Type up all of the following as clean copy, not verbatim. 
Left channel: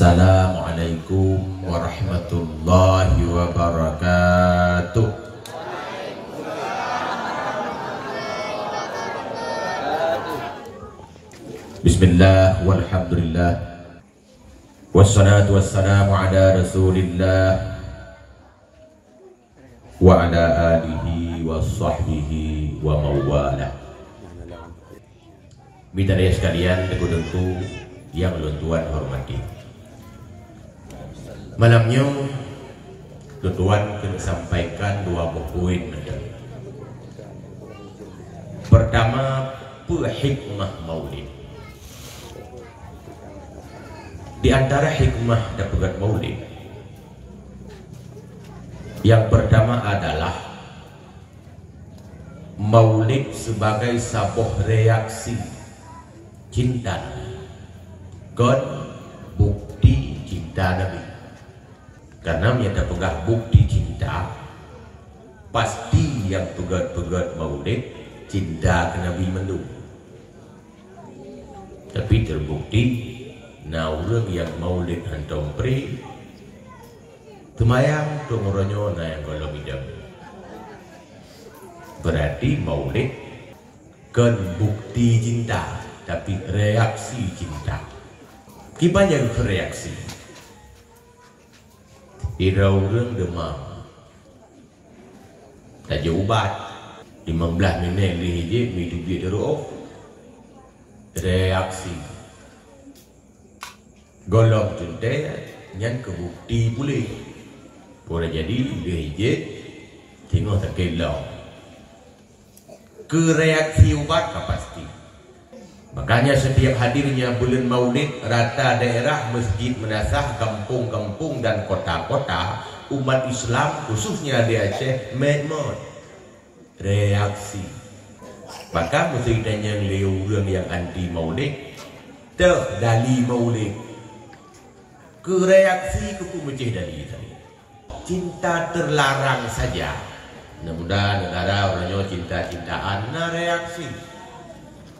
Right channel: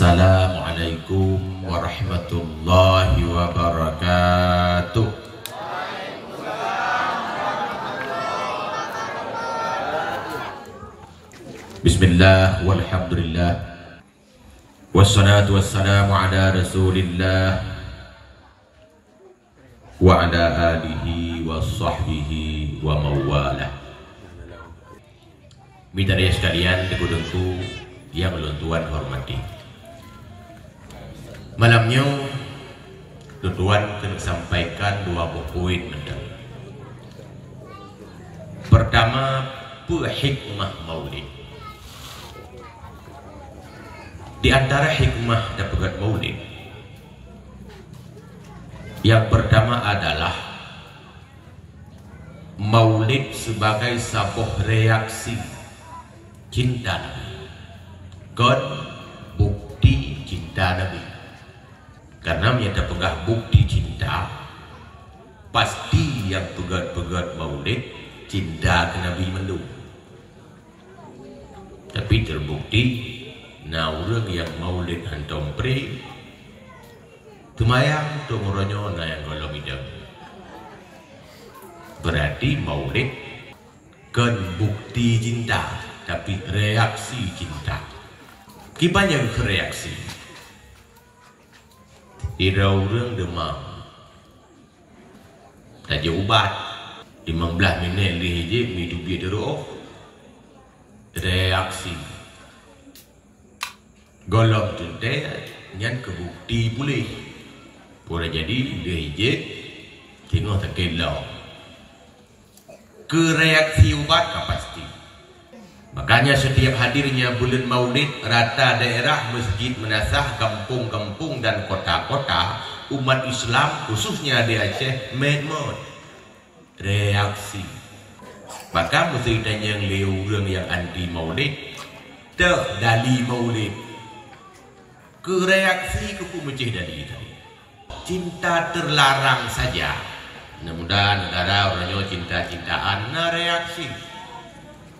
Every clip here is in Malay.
Assalamualaikum warahmatullahi wabarakatuh. Bismillah walhamdulillah wassalatu wassalamu ala rasulillah wa ala alihi wa sahbihi wa mawalah. Bidara sekalian, tentu yang Tuan hormati, malamnya Tuan akan sampaikan dua poin. Pertama, hikmah maulid. Di antara hikmah dapat maulid, yang pertama adalah maulid sebagai sebuah reaksi cinta God, bukti cinta Nabi. Karena menyata pegah bukti cinta, pasti yang pegat-pegat maulid cinta ke Nabi mendung. Tapi terbukti naurang yang maulid hantam pri temayang tumuronyo na yang kalau bidang. Berarti maulid kan bukti cinta, tapi reaksi cinta. Gimana yang bereaksi? Tidak orang demam, tak ubat 15 minit lihije hidup dia terus reaksi. Golong tuntai nyan kebukti boleh. Boleh jadi lihije tengok tak kelau. Kereaksi ubat pasti. Makanya setiap hadirnya bulan maulid, rata daerah, masjid, menasah, kampung-kampung dan kota-kota umat Islam khususnya di Aceh medmod reaksi. Maka mesti tanya yang anti maulid, dali maulid, ke reaksi ke pemecah dali cinta terlarang saja. Mudah-mudahan negara orangnya cinta-cintaan, nah reaksi.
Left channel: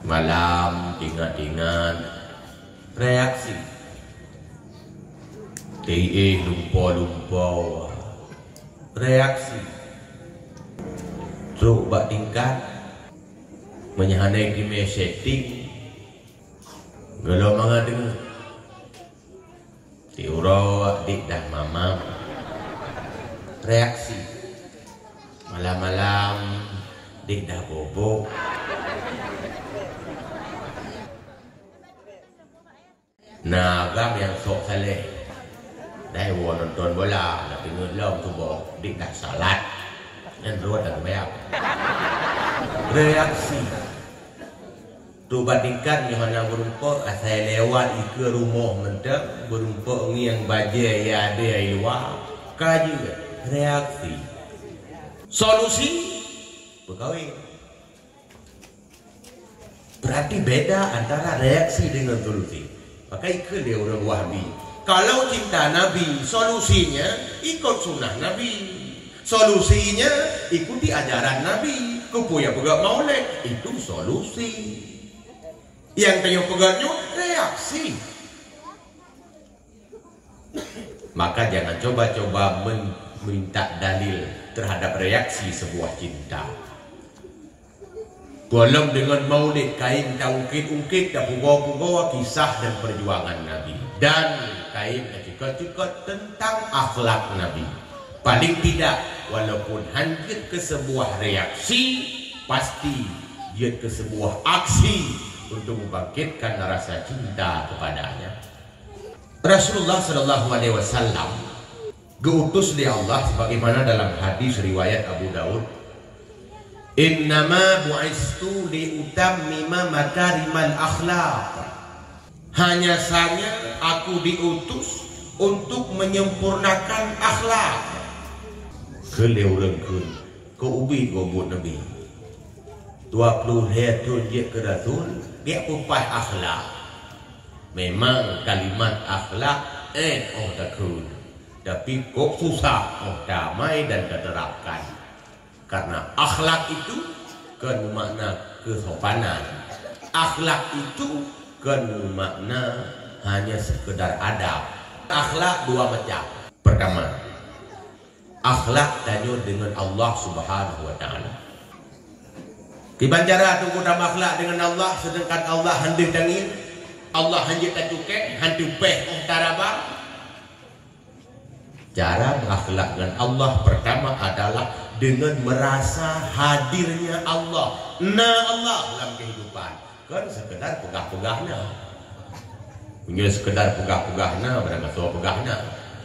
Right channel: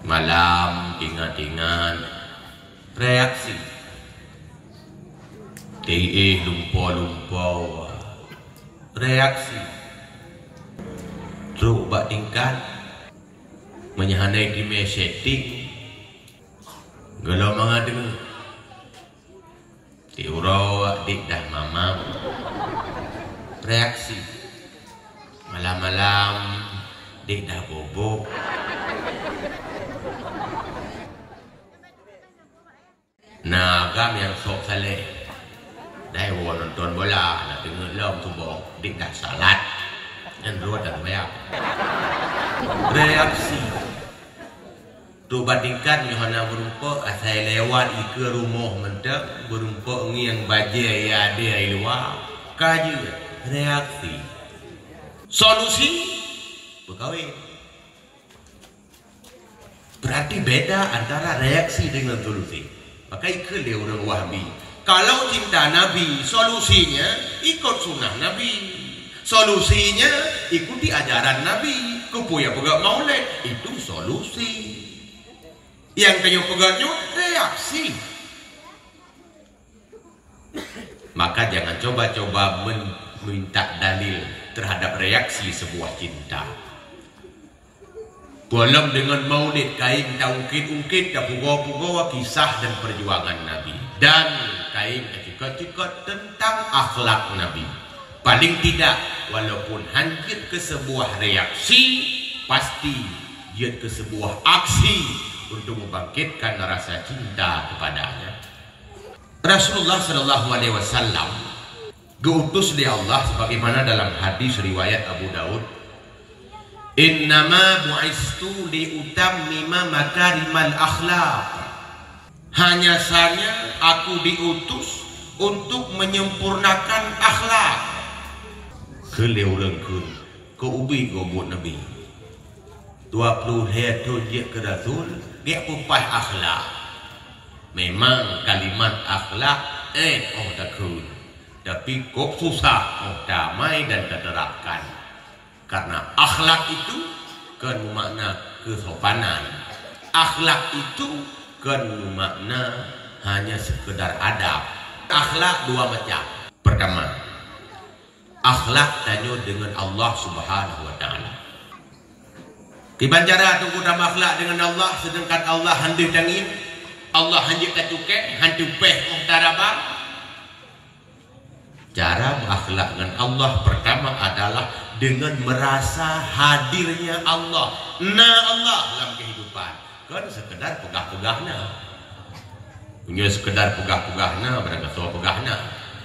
Malam ingat-ingat reaksi lumpur reaksi coba tingkat menyahanai di mesetting kalau mengadeng tiurau dik dah mama reaksi malam-malam dik dah bobo. Nah, agam yang sok salehได้วัวนนตนbola nak dengar lam tu bawa dik dah salat dan ruat dan bayar reaksi tu bandingkan Yohana berumpuk asal lewat ke rumah mendak berumpuk yang baja ya ada luar kaju reaksi solusi berkawin. Berarti beda antara reaksi dengan solusi. Pakai ke dia orang Wahabi. Kalau cinta Nabi, solusinya ikut sunnah Nabi. Solusinya ikuti ajaran Nabi. Kepuya pegang maulid, itu solusi. Yang kayu pegangnya reaksi. Maka jangan coba-coba minta dalil terhadap reaksi sebuah cinta. Dalam dengan maulid kain ungkit-ungkit dan pugawa-pugawa kisah dan perjuangan Nabi, dan kain juga tentang akhlak Nabi. Paling tidak walaupun hanya ke sebuah reaksi, pasti dia ke sebuah aksi untuk membangkitkan rasa cinta kepadanya. Rasulullah SAW diutus oleh Allah sebagaimana dalam hadis riwayat Abu Daud, innama bu'istu liutammima makarimal akhlaq. Hanya saja aku diutus untuk menyempurnakan akhlak. Kelewlengkun ke ubi gobut Nabi 20 hari dia ke Rasul, dia upah akhlak. Memang kalimat akhlak takun, tapi kok susah damai dan diterapkan. Karena akhlak itu kan makna kesopanan. Akhlak itu kan makna hanya sekedar adab, Akhlak dua macam. Pertama, akhlak tanya dengan Allah Subhanahu wa taala. Di banjara tu kita akhlak dengan Allah, sedangkan Allah hendak dangin, Allah hendak kacuke, hendak peh tarabang. Cara berakhlak dengan Allah pertama adalah dengan merasa hadirnya Allah. Nah, Allah dalam kehidupan. Kan sekedar pegah-pegahnya. Punya sekedar pegah-pegahnya, pada masa pegahnya.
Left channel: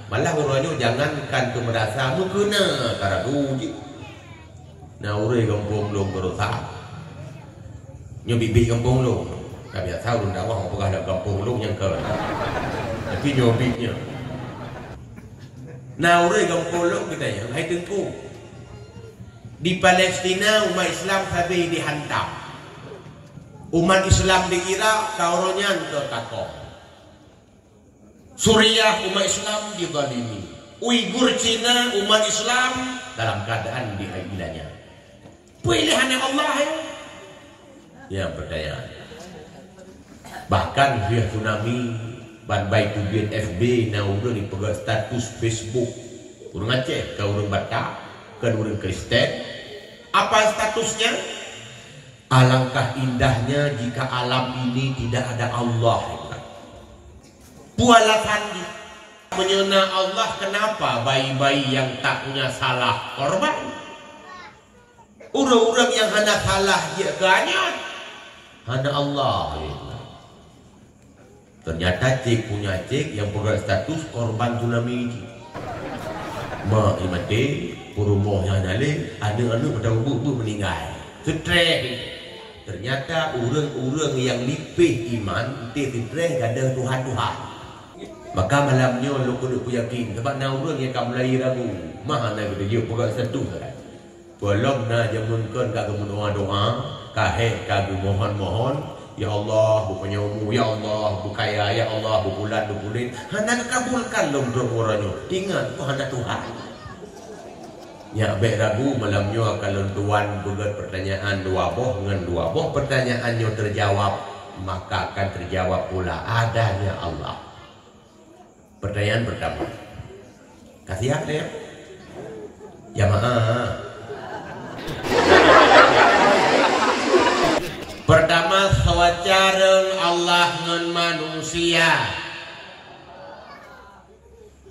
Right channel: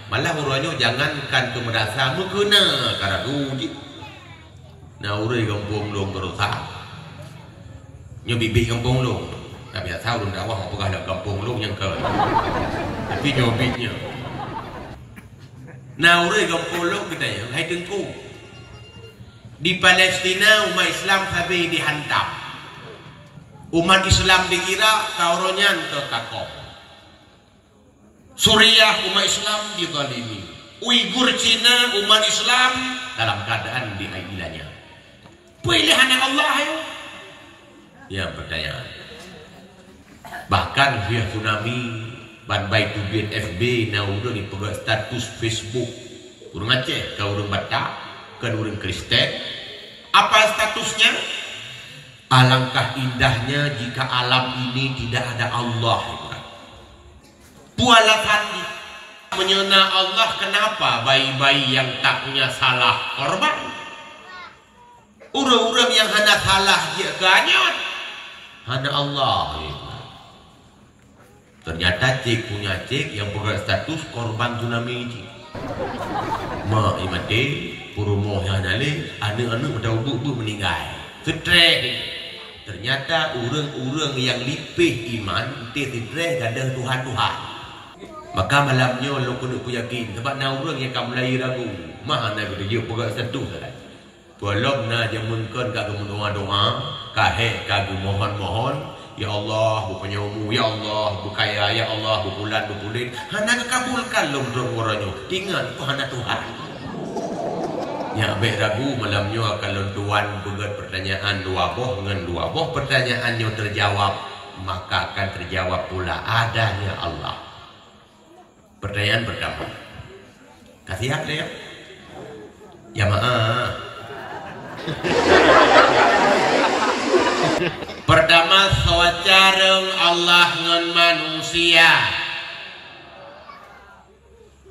Malah barunya jangankan tu merasa mu kena cara uji. Nah, urang kampung long berusaha. Nyo bibi kampung long. Tak biasa urang dakwah pegah dalam kampung long yang ke. Tapi nyobitnya. Nah, urang kampung long kita ya, hai tengku. Di Palestina umat Islam habis dihantam. Umat Islam di Irak kauronyan ke Kakok. Suriah umat Islam dizalimi. Uighur Cina umat Islam dalam keadaan diailannya. Pilihan Allah ya. Ya pertanyaan. Bahkan via tsunami ban baik tujuan FB na udah dipegang status Facebook. Urang Aceh, kau urang Batak, kan urang Kristen. Apa statusnya? Alangkah indahnya jika alam ini tidak ada Allah. Pualakan menyena Allah, kenapa bayi-bayi yang tak punya salah korban? Orang-orang yang hanya salah dia ganyat hanya Allah. Ternyata cek punya cek yang pegang status korban tsunami ini. Ma imate purumohnya nale anu-anu dah ubu meninggal. Stres. Ternyata orang-orang yang lipih iman itu stres ada Tuhan-Tuhan. Maka malamnya lo kena yakin sebab na orang yang akan mulai ragu. Mah nak kita je pegang status kan. Tolong na jamunkan kagu doa-doa, kahe kagu mohon-mohon, ya Allah bukannya umur, ya Allah bukaya, ya Allah bukulan bukulin. Hana kabulkan lo doa-doanya. Ingat tu hana Tuhan. Ya baik ragu malamnya kalau tuan buat pertanyaan dua boh dengan dua boh pertanyaannya terjawab, maka akan terjawab pula adanya Allah. Pertanyaan pertama, kasihan ya? Ya maaf. Pertama, sawacareng Allah ngan manusia.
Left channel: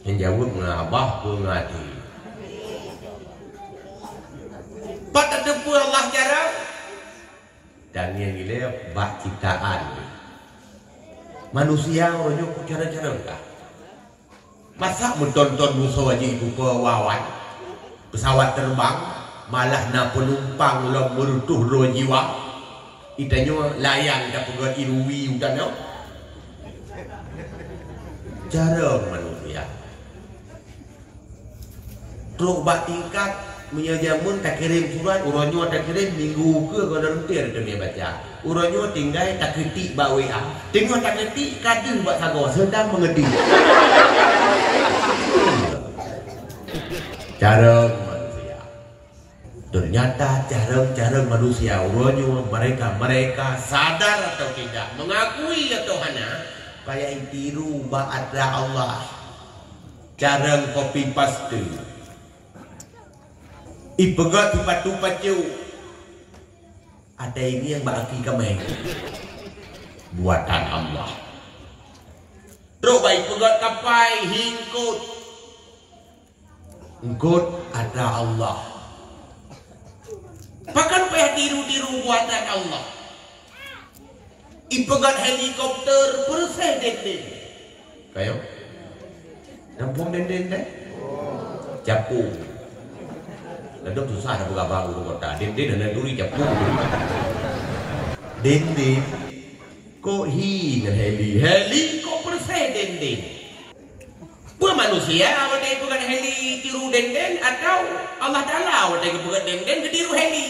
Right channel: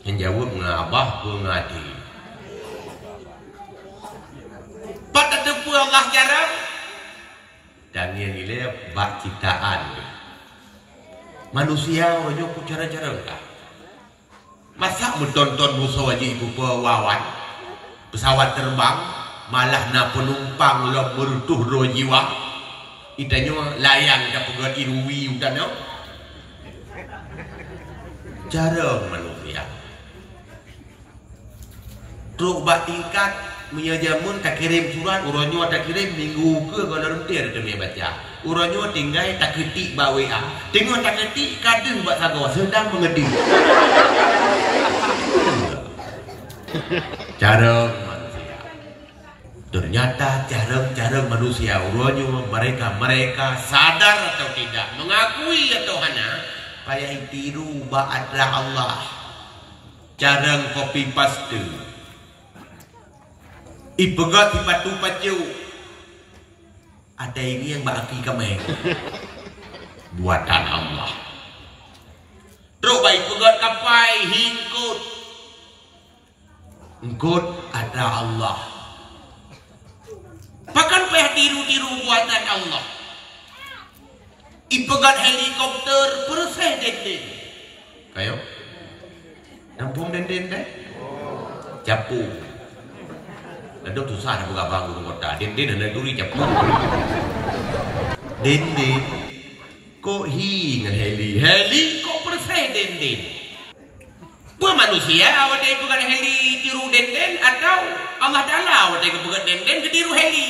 Yang jawab ngabah pengadi. Pada depu Allah jarang. Dan yang ini bak ciptaan. Manusia wajib cara-cara enggak. Masa menonton musuh wajib ibu pewawan pesawat terbang malah na penumpang lo merutuh ro jiwa itanya layang tak pegat irui udah no cara manusia truk bak tingkat menyajamun tak kirim surat urangnya tak kirim minggu ke kalau rentir tu dia baca urangnya tinggal tak ketik bak WA tengok tak ketik kadang buat sago sedang mengedih. Cara manusia. Ternyata cara manusia urangnya mereka sadar atau tidak, mengakui atau hanya payah tiru ba'adra Allah. Cara copy paste. Ipegat pipatu pacu. Ada ini yang baki kami. Buatan Allah. Terus baik pegat kapai hingkut. Engkut ada Allah. Bahkan peh tiru-tiru buatan Allah. Ipegat helikopter perseh dendeng. Kayo? Nampung dendeng deh? Capung. Dan tu susah nak bergabung dengan kota. Dendeng dan duri capung. Dendeng. Kok hi dengan heli kok perseh dendeng. Buat manusia awak dia bukan heli tiru denden atau Allah Taala awak dia bukan denden tiru heli.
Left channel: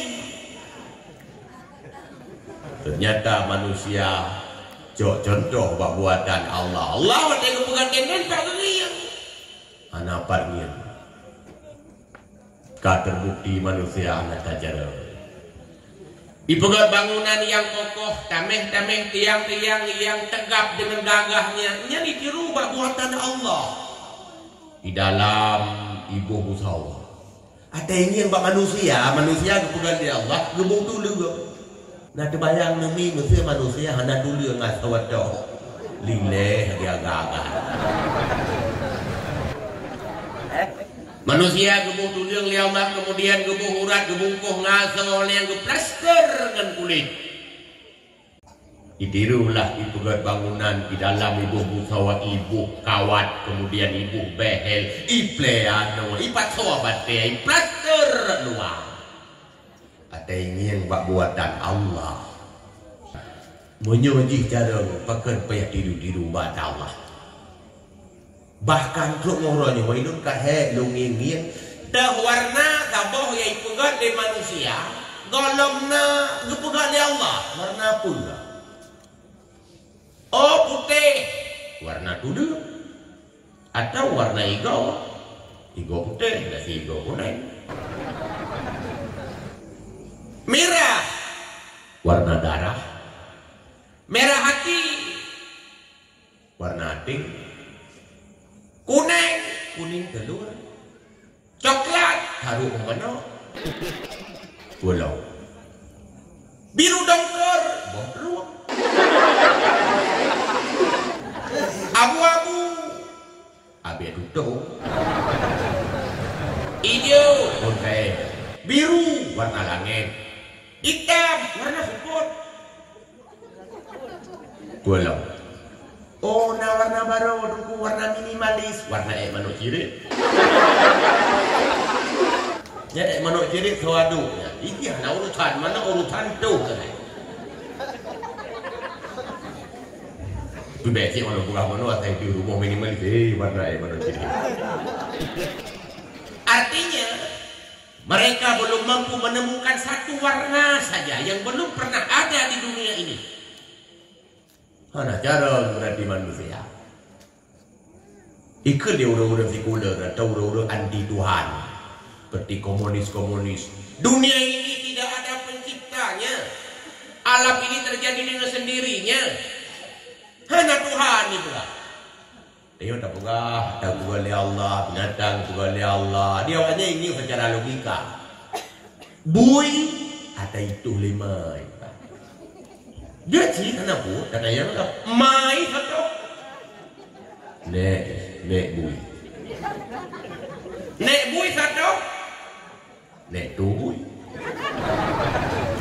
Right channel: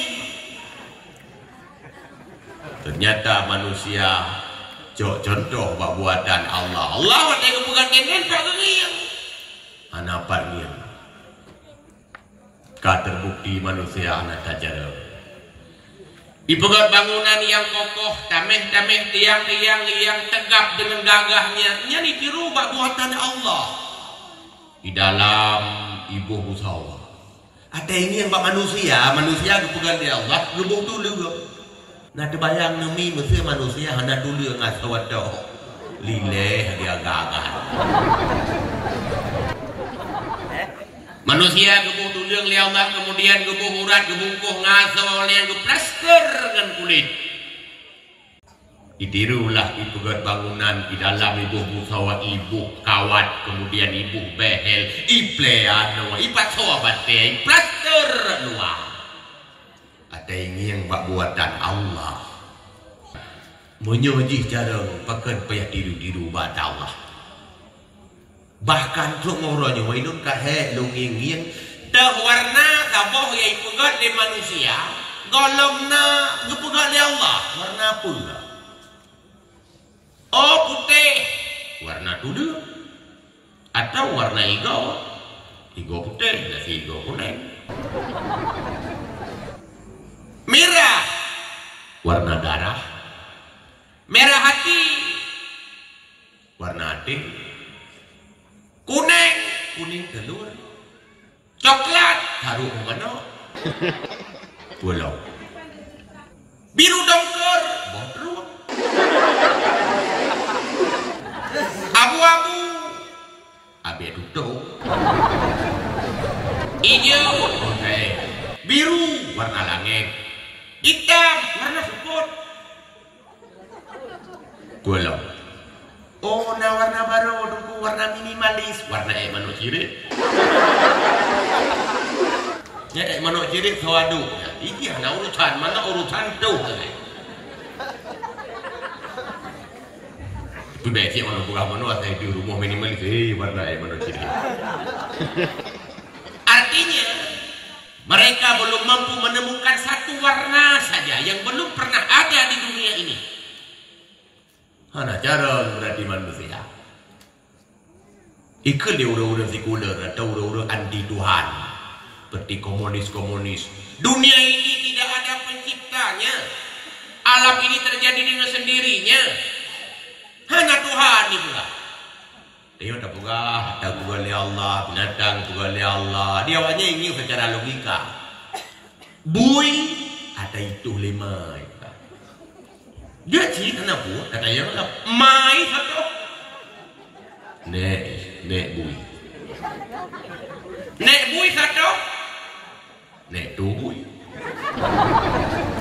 Ternyata manusia contoh buatan Allah. Allah awak dia bukan denden tak geriang. Anak parnian. Ka terbukti manusia anak tajara. Dipegat bangunan yang kokoh, tameh-tameh tiang-tiang yang tegap dengan gagahnya. Ini ditiru buatan Allah. Di dalam ibu musawa. Ada ini yang manusia dipegat di Allah, gebuk dulu. Nah terbayang numi manusia hana dulu yang ngasawat dah. Lileh dia gagah. Manusia gebuk dulu li Allah, kemudian gebuk urat, gebungkuh ngasol yang geplaster dengan kulit. Ditirulah dipegat bangunan di dalam ibu musawa, ibu kawat, kemudian ibu behel, ipleano, ipat sobat teh, plaster luar. Ada ini yang buatan Allah. Menyojih cara pakai payah diru buat Allah. Bahkan untuk ngoranya wainun kahek lunging-nging dah warna kaboh yang ipegat di manusia, golomna gepegat di Allah. Warna pula. Oh putih, warna kudu. Atau warna hijau, hijau putih dan hijau kuning. Merah, warna darah. Merah hati, warna hati. Kuning, kuning telur. Coklat, harum mana? Pulau. Biru dongker, bobrok. Abu-abu, abe duduk. Hijau, okay. Biru, warna langit. Hitam, warna seput. Pulau. Oh, nah warna baru, dulu warna minimalis, warna manuk cirit. Ya, manuk cirit suadu. Ini hanya urusan, mana urusan tu. Itu becik mana bukan manuk, saya di rumah minimalis, warna manuk cirit. Artinya, mereka belum mampu menemukan satu warna saja yang belum pernah ada di dunia ini. Mana cara berarti manusia? Ikut dia udah sekuler atau udah anti Tuhan, seperti komunis. Dunia ini tidak ada penciptanya. Alam ini terjadi dengan sendirinya. Hanya Tuhan itu lah. Dia tak bukan oleh Allah, binatang bukan oleh Allah. Dia awalnya ingin secara logika. Bui ada itu 5. Dia cik kenapa? Kata yang mai satu. Nek bui. Nek bui satu. Nek tu bui.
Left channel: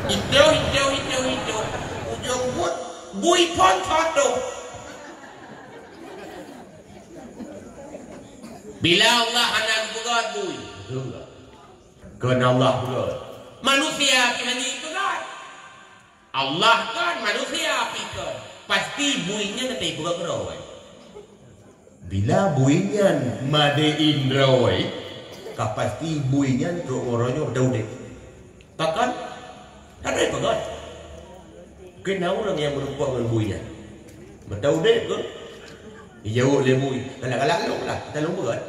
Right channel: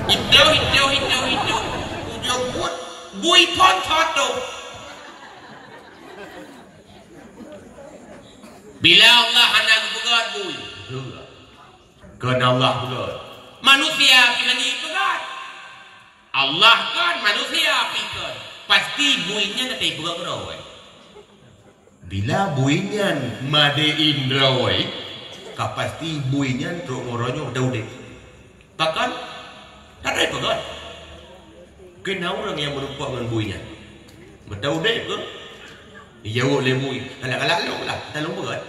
Hijau. Ujung bui pun satu. Bila Allah hendak begat bui. Kerana Allah begat. Manusia kena begat. Allah kan manusia pikir pasti buinya nanti buka kerawai. Bila buinya made indrawai, kapasti buinya untuk orangnya daudik. Takkan ada pegat. Kena orang yang berupa dengan buinya. Daudik ke? Jauh le bui. Kalak-kalak lah, kita lompat.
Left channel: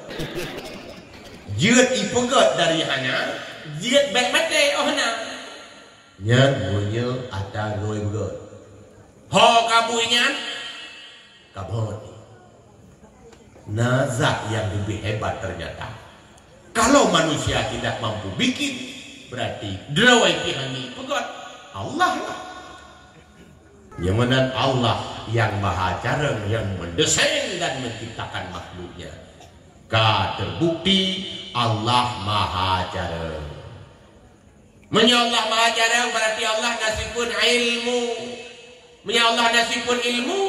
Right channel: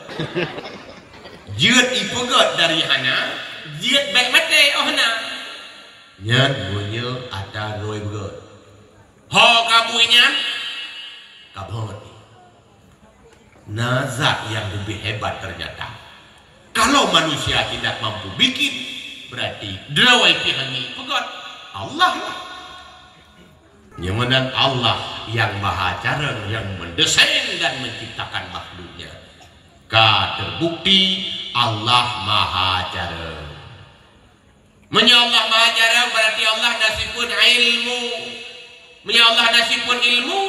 Jiat ipegat dari hana, jiat baik mati ohna. Nyan buinya ada roy begat. Ho kabuinya kabut. Nazat yang lebih hebat ternyata. Kalau manusia tidak mampu bikin, berarti drawai pihani begat Allah lah. Yang menang Allah yang maha cara yang mendesain dan menciptakan makhluknya. Terbukti Allah maha cara. Allah maha jarang berarti Allah nasibun ilmu. Allah nasibun ilmu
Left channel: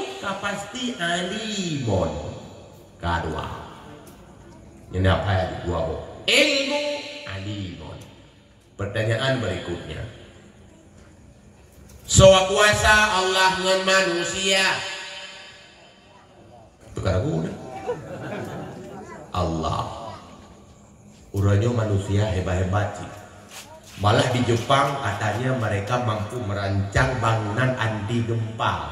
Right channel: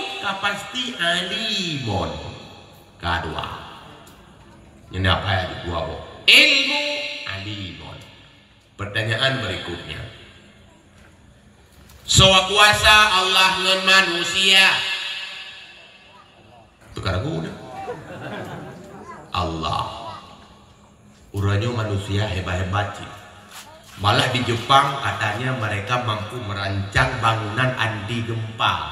pasti alimun. Kedua. Ini apa ya dua boh? Ilmu alimun. Pertanyaan berikutnya. Soal kuasa Allah dengan manusia. Tukar guna. Allah. Uranya manusia hebat-hebat sih. Malah di Jepang katanya mereka mampu merancang bangunan anti gempa.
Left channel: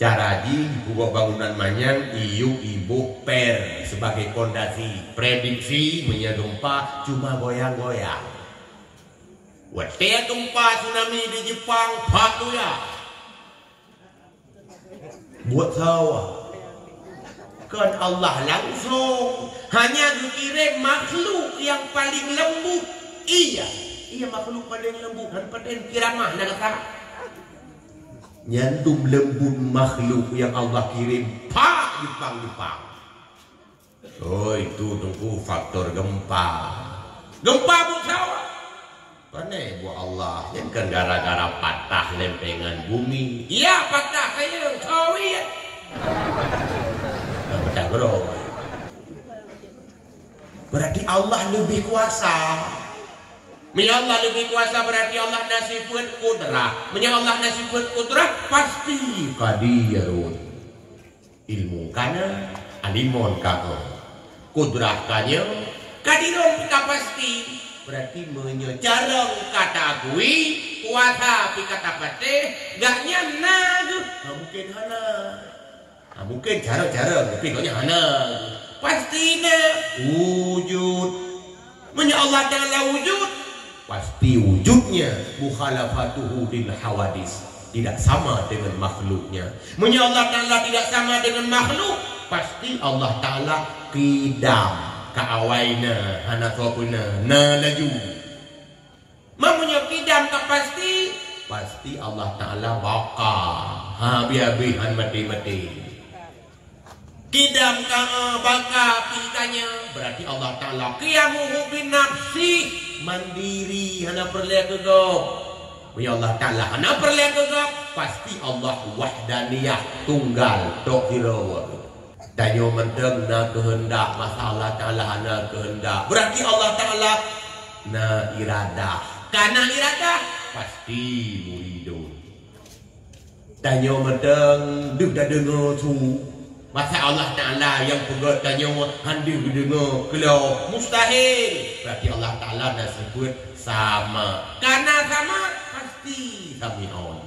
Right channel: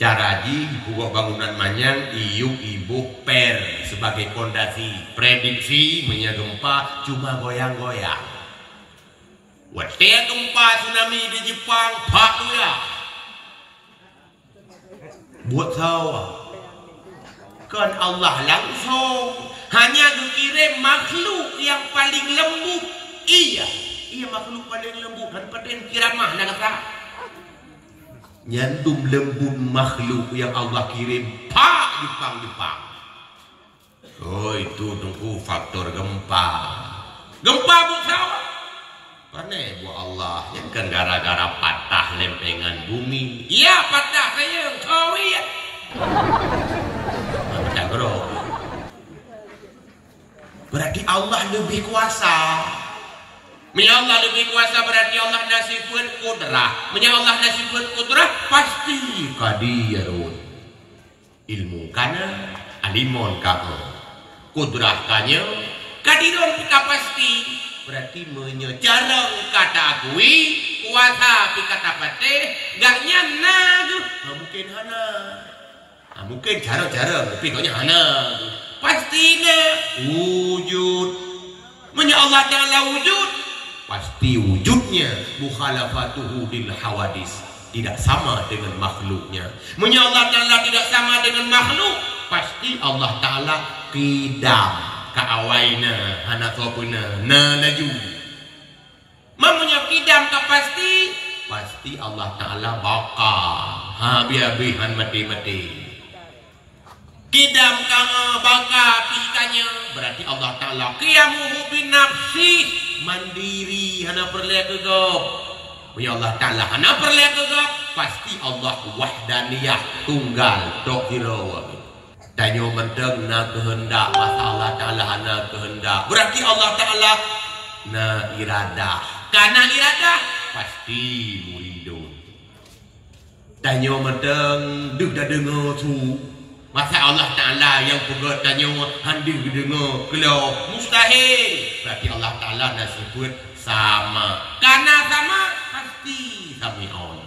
Cara buka bangunan manyang ibu per sebagai fondasi. Prediksi punya gempa cuma goyang-goyang. Waktu gempa tsunami di Jepang, Pak Luya. Buat sawah. Kan Allah langsung hanya dikirim makhluk yang paling lembut. Iya makhluk paling lembut dan paling kiramah dan akak. Nyantum lembut makhluk yang Allah kirim. Pak Jepang. Oh itu tunggu faktor gempa. Gempa buat sawah. Panai buat Allah. Yang kan gara-gara patah lempengan bumi. Iya patah saya. Tahu ya. Pecah bro. Berarti Allah lebih kuasa. Bila Allah lebih kuasa berarti Allah nasifun kudrah. Bila Allah nasifun kudrah pasti kadirun. Ilmu kana alimun kana. Kudrah kanya kadirun kita pasti. Berarti menyejarang kata akui kuasa kata patih gaknya nagu. Mungkin hana. Mungkin jarang-jarang tapi gaknya hana. Pastinya wujud. Menya Allah Ta'ala wujud. Pasti wujudnya mukhalafatuhu lil hawadis. Tidak sama dengan makhluknya. Menya Allah Ta'ala tidak sama dengan makhluk. Pasti Allah Ta'ala tidak kaawaina hana kopuna na laju. Mamanya kidam ka pasti Allah Ta'ala baka habi-habi han mati-mati. Kidam ka baka pikanya berarti Allah Ta'ala qiyamuhu bin nafsi mandiri hana perle gegap. Ya Allah Ta'ala hana perle gegap pasti Allah wahdaniyah tunggal tok hiro. Danyo mendeng na kehendak masa Allah Ta'ala na kehendak berarti Allah Ta'ala na iradah karena iradah pasti murido. Danyo mendeng duk dah dengar tu masa Allah Ta'ala yang pegat danyo handir dengar kalau mustahil berarti Allah Ta'ala dah sebut sama karena sama pasti sami'un.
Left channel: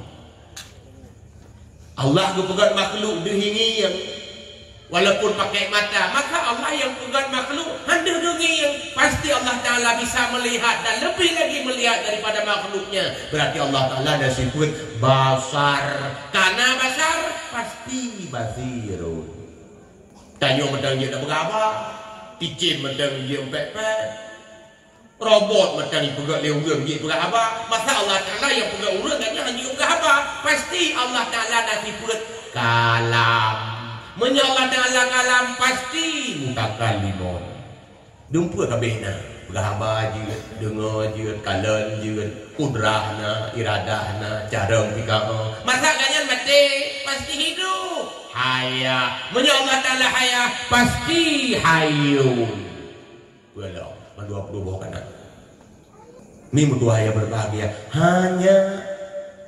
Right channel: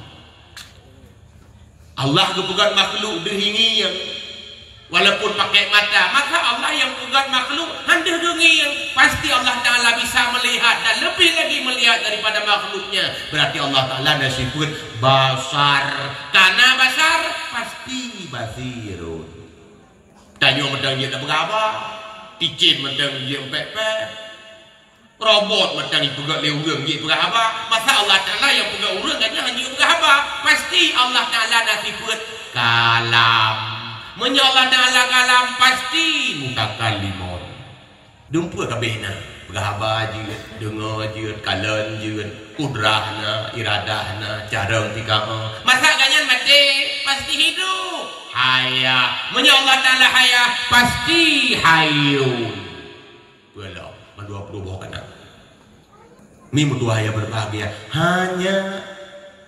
Allah kepegat makhluk berhingiyang walaupun pakai mata, maka Allah yang pegang makhluk hendak denging. Pasti Allah Ta'ala bisa melihat dan lebih lagi melihat daripada makhluknya. Berarti Allah Ta'ala disebut basar. Karena basar pasti basirun. Tanya mentang dia tak berapa. Ticin mentang dia empek-empek. Robot mentang dia pegang lewurang dia berapa. Masa Allah Ta'ala yang pegang urang kan hanya berapa. Pasti Allah Ta'ala disebut kalam. Menyalah Ta'ala kalam pasti muka kalimon. Dumpu kabehna. Berhaba je, dengar je, kalan je, kudrahna, iradahna, cara pikama. Masa ganyan mati pasti hidup. Haya. Menyalah Ta'ala haya pasti hayun. Walau, mandua perubahan kena. Ini berdua yang berbahagia. Hanya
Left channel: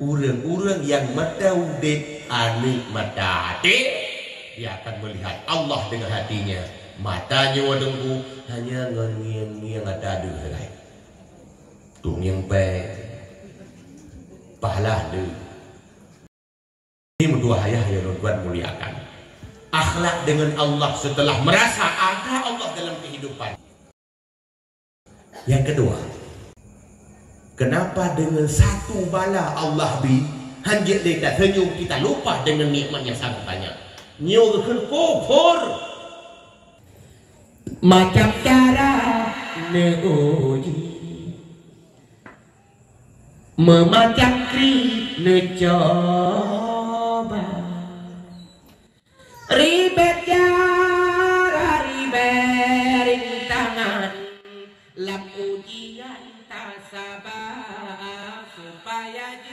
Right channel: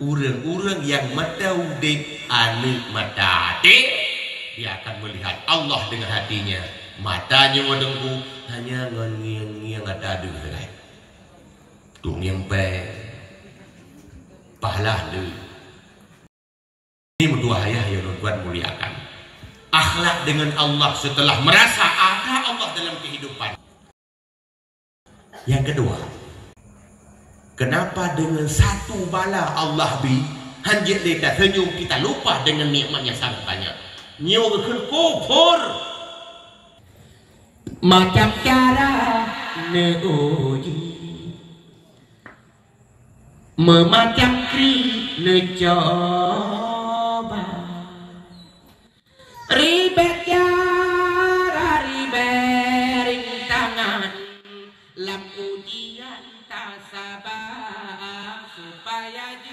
urang-urang yang mataudit anu matati. Dia akan melihat Allah dengan hatinya. Matanya wadengku hanya ngiang-ngiang ada duit. Tung yang baik. Pahala lu. Ini dua ayah yang membuat muliakan. Akhlak dengan Allah setelah merasa ada Allah dalam kehidupan. Yang kedua, kenapa dengan satu bala Allah bi hanjit dekat senyum kita lupa dengan nikmatnya sangat banyak. Nyo kufur macam cara neuji memacam kri lecoba ribet ya ribet rintangan lam ujian tak sabar supaya